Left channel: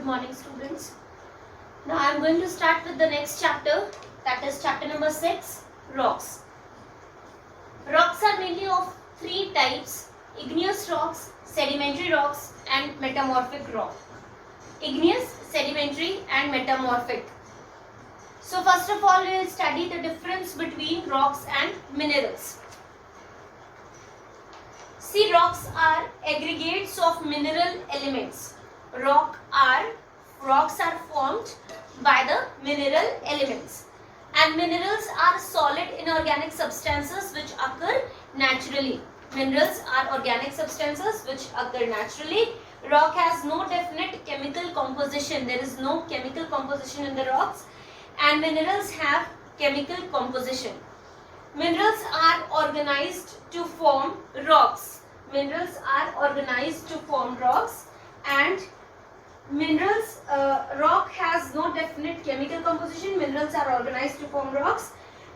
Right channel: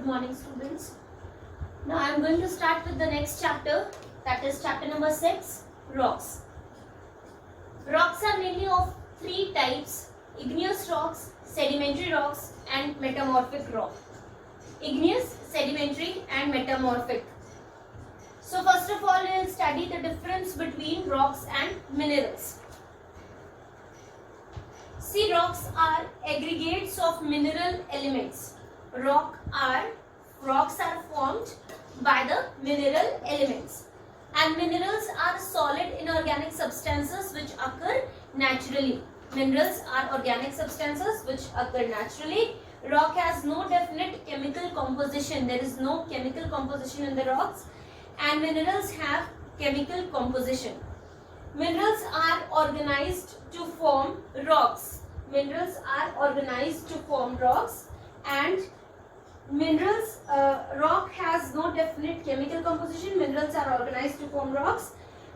Good morning, students. Now I am going to start with the next chapter, that is chapter number 6, rocks. Rocks are mainly of three types: igneous rocks, sedimentary rocks and metamorphic rock. Igneous, sedimentary and metamorphic. So first of all, we will study the difference between rocks and minerals. See, rocks are aggregates of mineral elements. Rocks are formed by the mineral elements, and minerals are solid inorganic substances which occur naturally. Minerals are organic substances which occur naturally. Rock has no definite chemical composition. There is no chemical composition in the rocks, and minerals have chemical composition. Minerals are organized to form rocks. Minerals are organized to form rocks, and rock has no definite chemical composition. Minerals are organized to form rocks,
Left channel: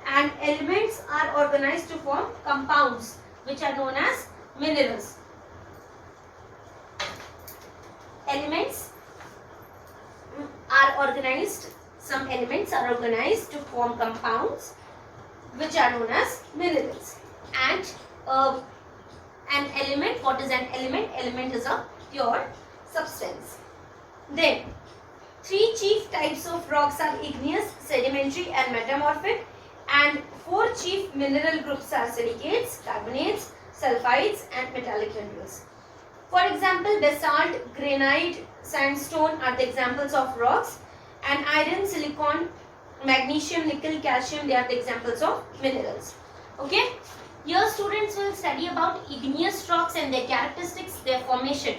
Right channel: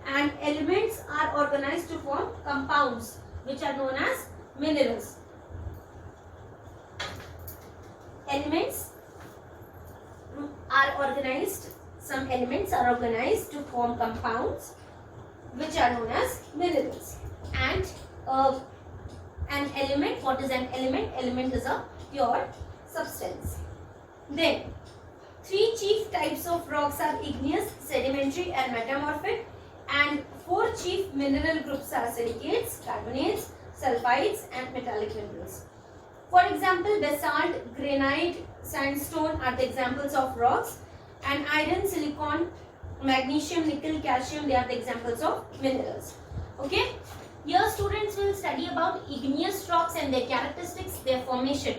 and elements are organized to form compounds which are known as minerals. Elements are organized, some elements are organized to form compounds which are known as minerals. And an element, what is an element? Element is a pure substance. Then, three chief types of rocks are igneous, sedimentary and metamorphic, and four chief mineral groups are silicates, carbonates, sulfides and metallic minerals. For example, basalt, granite, sandstone are the examples of rocks, and iron, silicon, magnesium, nickel, calcium, they are the examples of minerals. Okay? Here students will study about igneous rocks and their characteristics, their formation.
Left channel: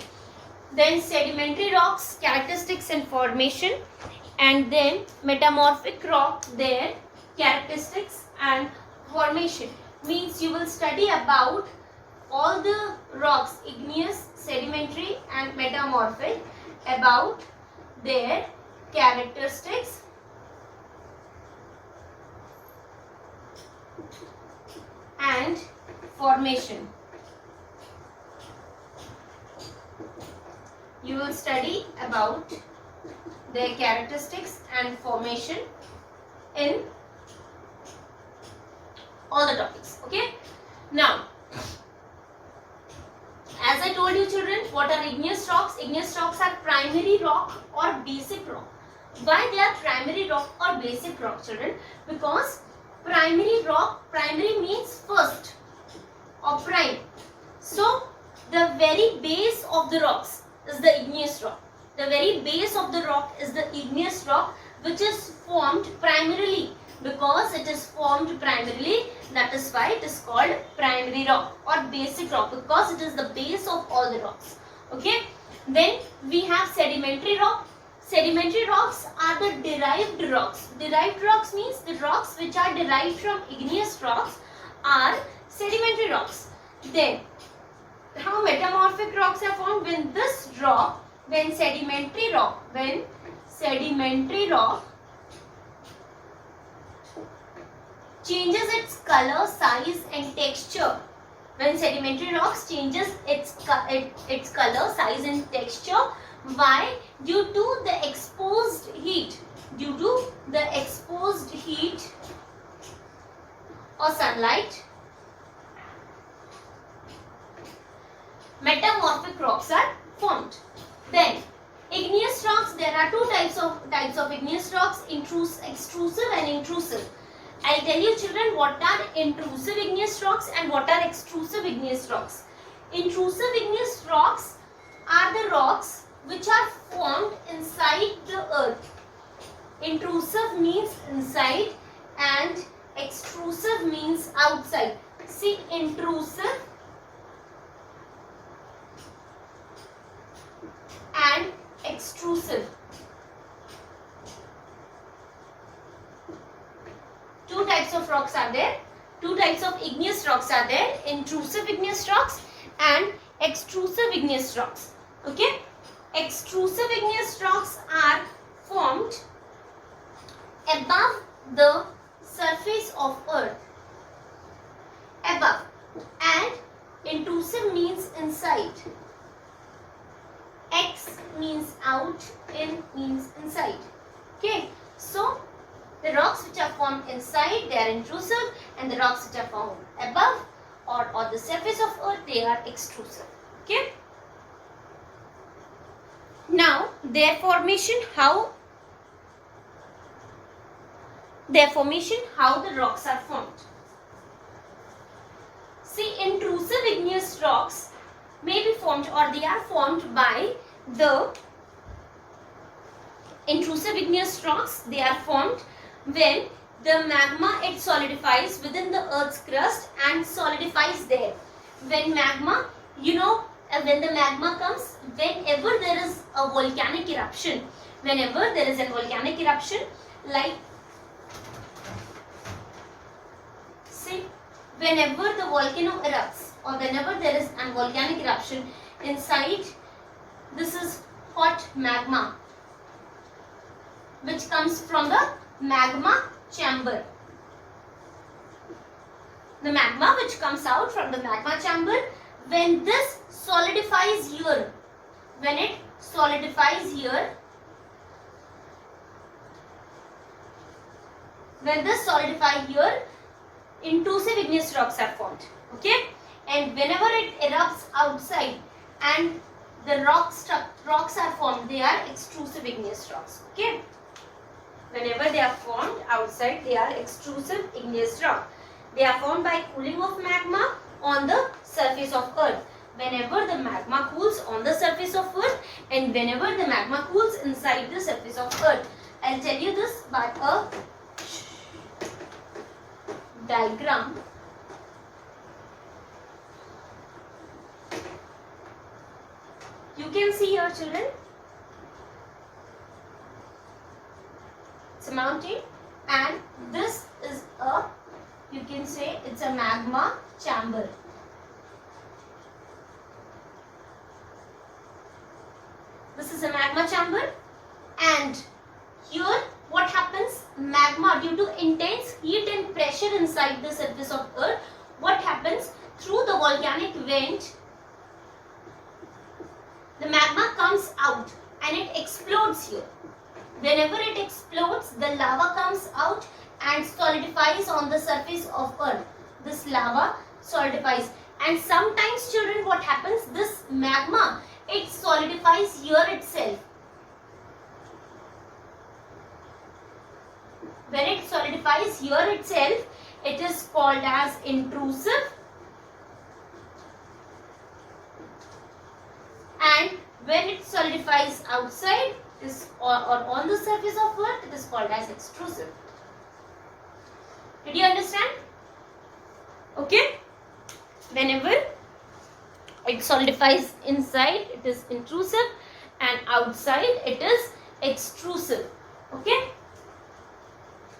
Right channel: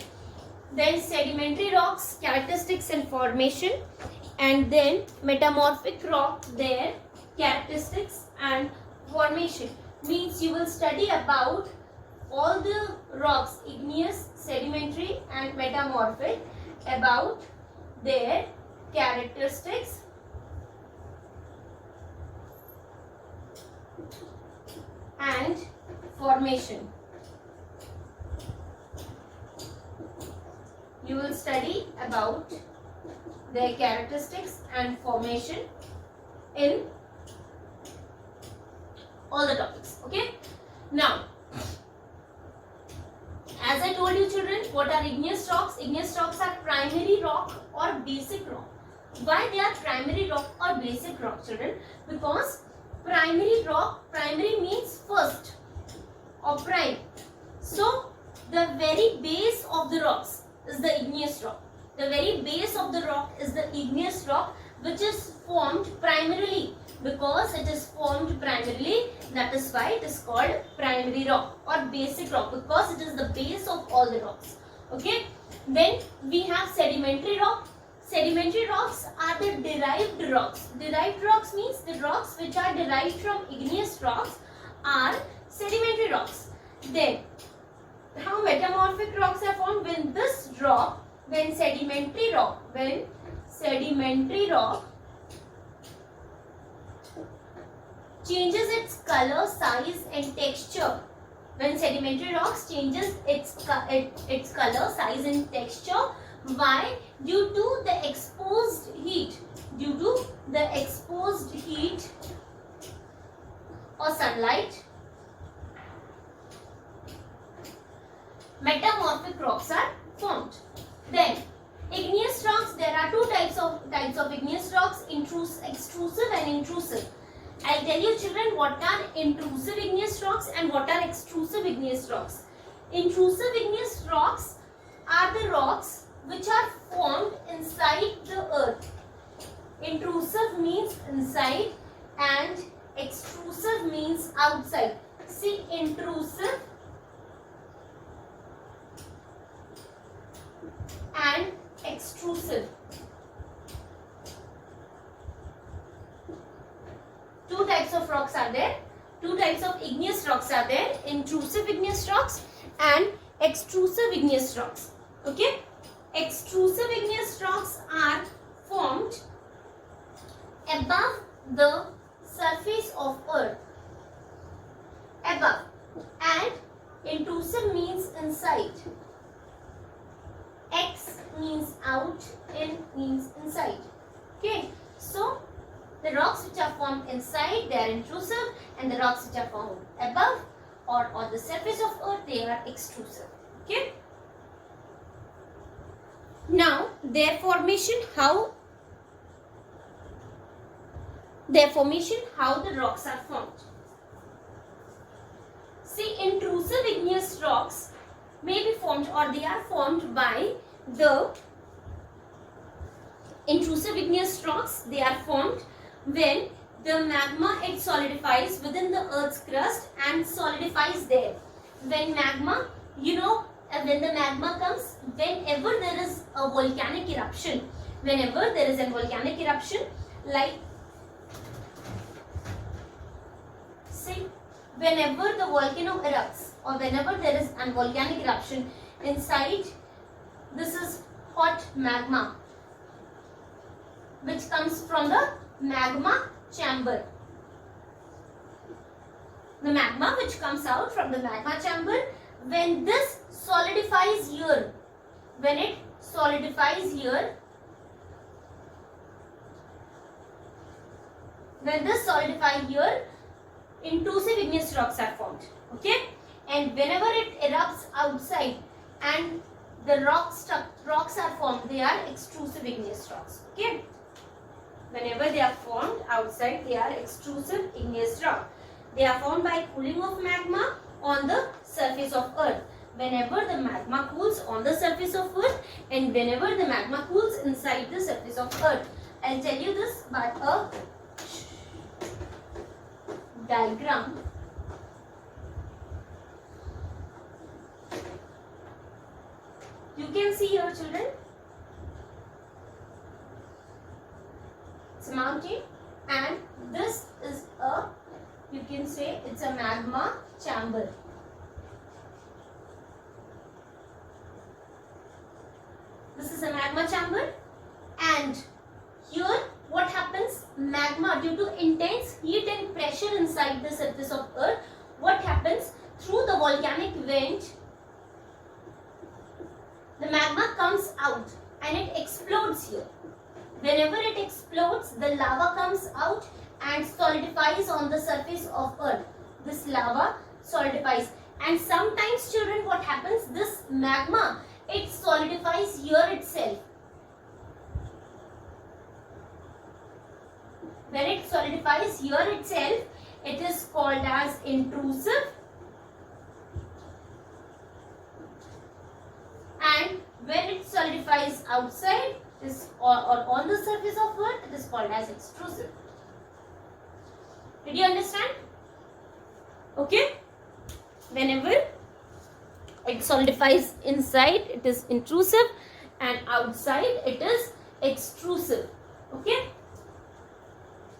Then sedimentary rocks, characteristics and formation, and then metamorphic rock, their characteristics and formation. Means you will study about all the rocks, igneous, sedimentary and metamorphic, about their characteristics and formation. You will study about their characteristics and formation in all the topics. Okay? Now, as I told you children, what are igneous rocks? Igneous rocks are primary rock or basic rock. Why they are primary rock or basic rock, children? Because primary rock, primary means first or prime. So, the very base of the rocks is the igneous rock. The very base of the rock is the igneous rock, which is formed primarily. Because it is formed primarily, that is why it is called primary rock or basic rock, because it is the base of all the rocks. Okay. Then we have sedimentary rock. Sedimentary rocks are the derived rocks. Derived rocks means the rocks which are derived from igneous rocks are sedimentary rocks. Then, how metamorphic rocks are formed? When this rock, when sedimentary rock changes its color, size and texture. When sedimentary rocks changes its color, size and texture. Why? Due to the exposed heat. Due to the exposed heat or sunlight. Metamorphic rocks are formed. Then, igneous rocks, there are two types of igneous rocks, extrusive and intrusive. I'll tell you children what are intrusive igneous rocks and what are extrusive igneous rocks. Intrusive igneous rocks are the rocks which are formed inside the earth. Intrusive means inside and extrusive means outside. See, intrusive and extrusive. Two types of rocks are there. Two types of igneous rocks are there. Intrusive igneous rocks and extrusive igneous rocks. Okay? Extrusive igneous rocks are formed above the surface of earth. Above. And intrusive means inside. means out, in means inside. Okay, so the rocks which are formed inside, they are intrusive, and the rocks which are formed above or on the surface of earth, they are extrusive. Okay. Now their formation, how the rocks are formed. See, intrusive igneous rocks may be formed, or they are formed by the intrusive igneous rocks. They are formed when the magma, it solidifies within the earth's crust and solidifies there. When magma, when the magma comes, whenever there is a volcanic eruption, like say, whenever the volcano erupts, or whenever there is a volcanic eruption, inside, this is hot magma which comes from the magma chamber. The magma which comes out from the magma chamber, when this solidifies here, intrusive igneous rocks are formed. Okay, and whenever it erupts outside and the rocks are formed, they are extrusive igneous rocks. Okay, whenever they are formed outside, they are extrusive igneous rock. They are formed by cooling of magma on the surface of earth. Whenever the magma cools on the surface of earth, and whenever the magma cools inside the surface of earth. I'll tell you this by a diagram. You can see here, children, it's a mountain, and this is a, you can say it's a magma chamber. This is a magma chamber, and here what happens? Magma, due to intense heat and pressure inside the surface of earth, what happens? Through the volcanic vent, the magma comes out and it explodes here. Whenever it explodes, the lava comes out and solidifies on the surface of earth. This lava solidifies, and sometimes, children, what happens? This magma, it solidifies here itself. When it solidifies here itself, it is called as intrusive, and when it solidifies outside or on the surface of earth, it is called as extrusive. Did you understand? Okay. Whenever it solidifies inside, it is intrusive, and outside it is extrusive. Okay.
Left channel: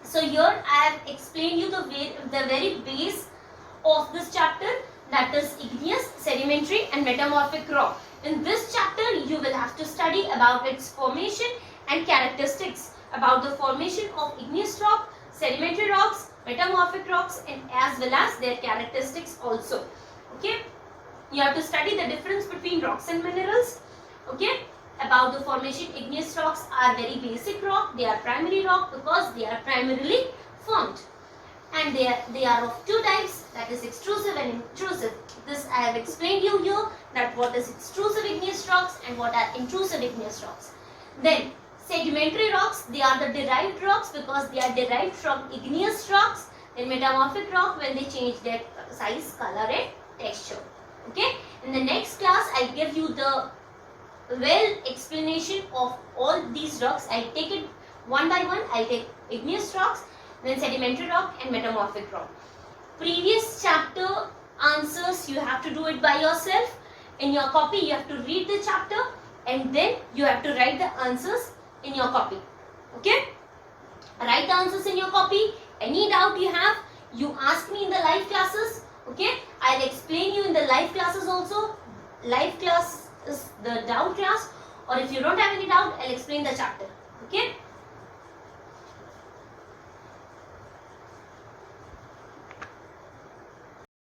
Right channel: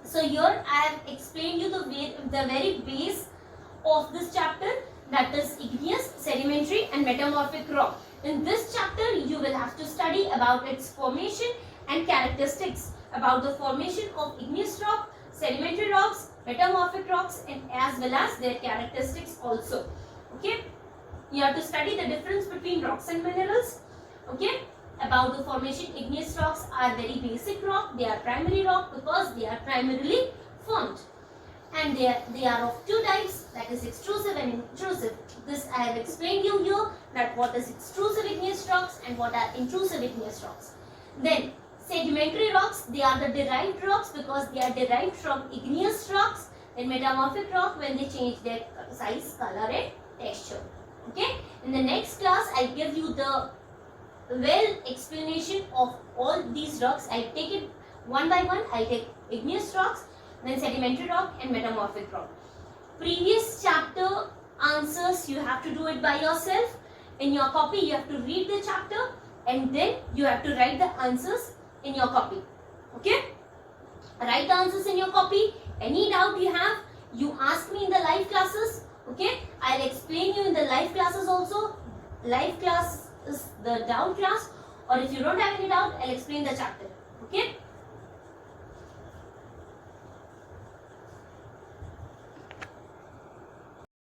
So here I have explained you the very base of this chapter, that is igneous, sedimentary and metamorphic rock. In this chapter, you will have to study about its formation and characteristics, about the formation of igneous rock, sedimentary rocks, metamorphic rocks, and as well as their characteristics also. Okay, you have to study the difference between rocks and minerals. Okay, about the formation, igneous rocks are very basic rock. They are primary rock because they are primarily formed, and they are of two types, that is extrusive and intrusive. This I have explained you here, that what is extrusive igneous rocks and what are intrusive igneous rocks. Then sedimentary rocks, they are the derived rocks because they are derived from igneous rocks. Then metamorphic rock, when they change their size, color and texture. Okay, in the next class I'll give you the explanation of all these rocks. I'll take it one by one. I'll take igneous rocks, then sedimentary rock and metamorphic rock. Previous chapter answers, you have to do it by yourself. In your copy, you have to read the chapter and then you have to write the answers in your copy. Okay? Write the answers in your copy. Any doubt you have, you ask me in the live classes. Okay? I'll explain you in the live classes also. Live class is the doubt class, or if you don't have any doubt, I'll explain the chapter. Okay?